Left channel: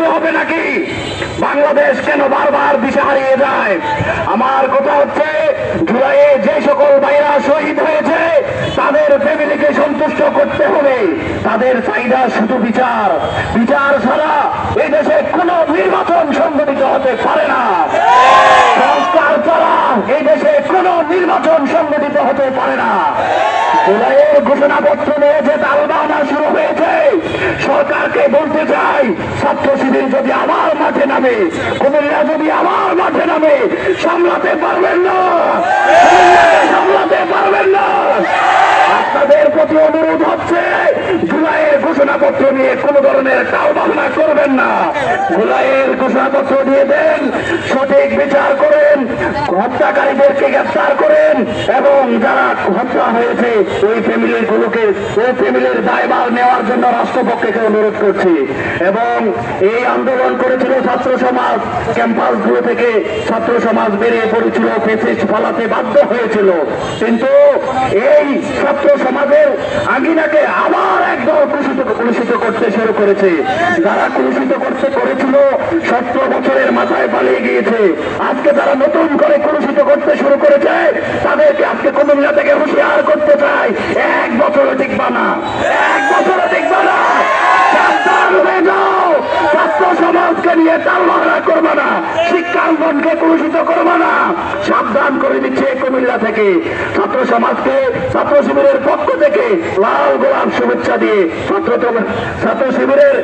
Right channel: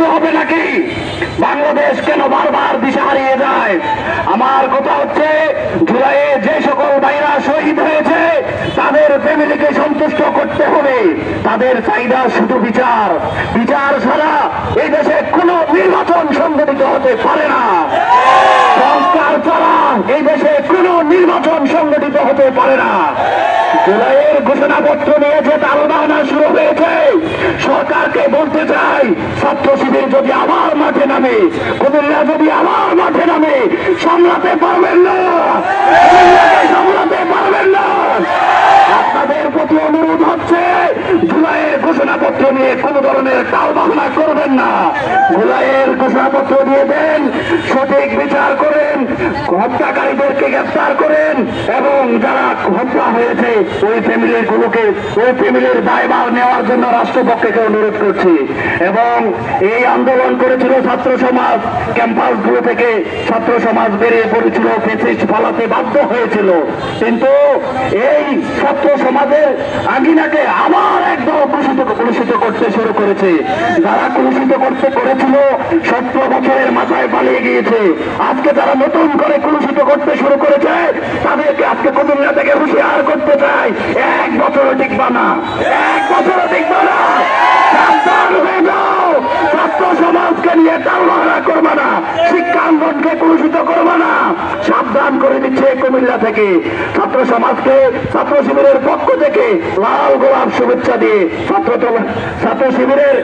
থামাতে হবে নাকি? বাংলাদেশ কেন বারবার দিশা হারিয়ে যায়? আমার কথা হচ্ছে, জুলাইয়ে যে সকল ভাইরা শহীদ হয়েছে তাদের ফ্যামিলিকে সন্তুষ্ট করতে হবে। তাদের চাহিদা শুধু বিচার। বিচার ছাড়া এই দেশে কোনো নির্বাচন সংগঠিত হতে পারে না। সংস্কার ছাড়া এই দেশে কোনো নির্বাচন সংগঠিত হতে পারে না। জুলাইয়ের ঘোষণাপত্র নিয়ে যে তালবানা শুরু হয়েছে, সরকারকে বলতে চাই, ছাত্র শিবির যদি আবার মাঠে নামে, কুমিল্লা যদি আবার মাঠে নামে, সামলাতে পারবেন না, সামলাতে পারবেন না। আপনাদের প্রতি অনুরোধ হচ্ছে, জুলাইয়ের ঘোষণাপত্র নিয়ে কোন ধরনের তালবানা করবেন না। জুলাইয়ের ঘোষণাপত্র দিয়ে দেন, সঠিক বিচার করেন, হত্যাকারীদেরকে গ্রেফতার করেন এবং যারা হত্যা হয়েছে ওই ফ্যামিলির দায়ভার নেওয়ার জন্য রাষ্ট্রপক্ষকে অনুরোধ করছি। এবং এই আন্দোলন করেছিল ছাত্র সমাজ, ক্যাম্পাসগুলো থেকে ছাত্র সমাজ বেরিয়ে পড়েছিল, ফেসিস্ট ফলাতে বাধ্য হয়েছিল। কিন্তু এই ছাত্র সমাজের আঙ্গিনাকে আবার একদল কলুষিত করতে শুরু করেছে। যারা কলুষিত করতে করেছিল 17 বছরের মাথায় পালিয়ে গিয়েছে। আজকে যারা নতুন করে কলুষিত করতে শুরু করেছে, তাদেরকে আজকে কুমিল্লা থেকে হুঁশিয়ার করতে চাই, 1 বছরও টিকবা না, 1 বছরও টিকবা না। সাবধান হয়ে যাও, ছাত্র সমাজকে নিয়ে তালবাহানা করবে না, শিক্ষাঙ্গনকে কলুষিত করবে না। সাবধান করে দিচ্ছে কুমিল্লা থেকে। ছাত্র সমাজকে ছাত্র শিবিরের পক্ষ থেকে লাল গোলাপ শুভেচ্ছা দিয়ে ছাত্র শিবিরের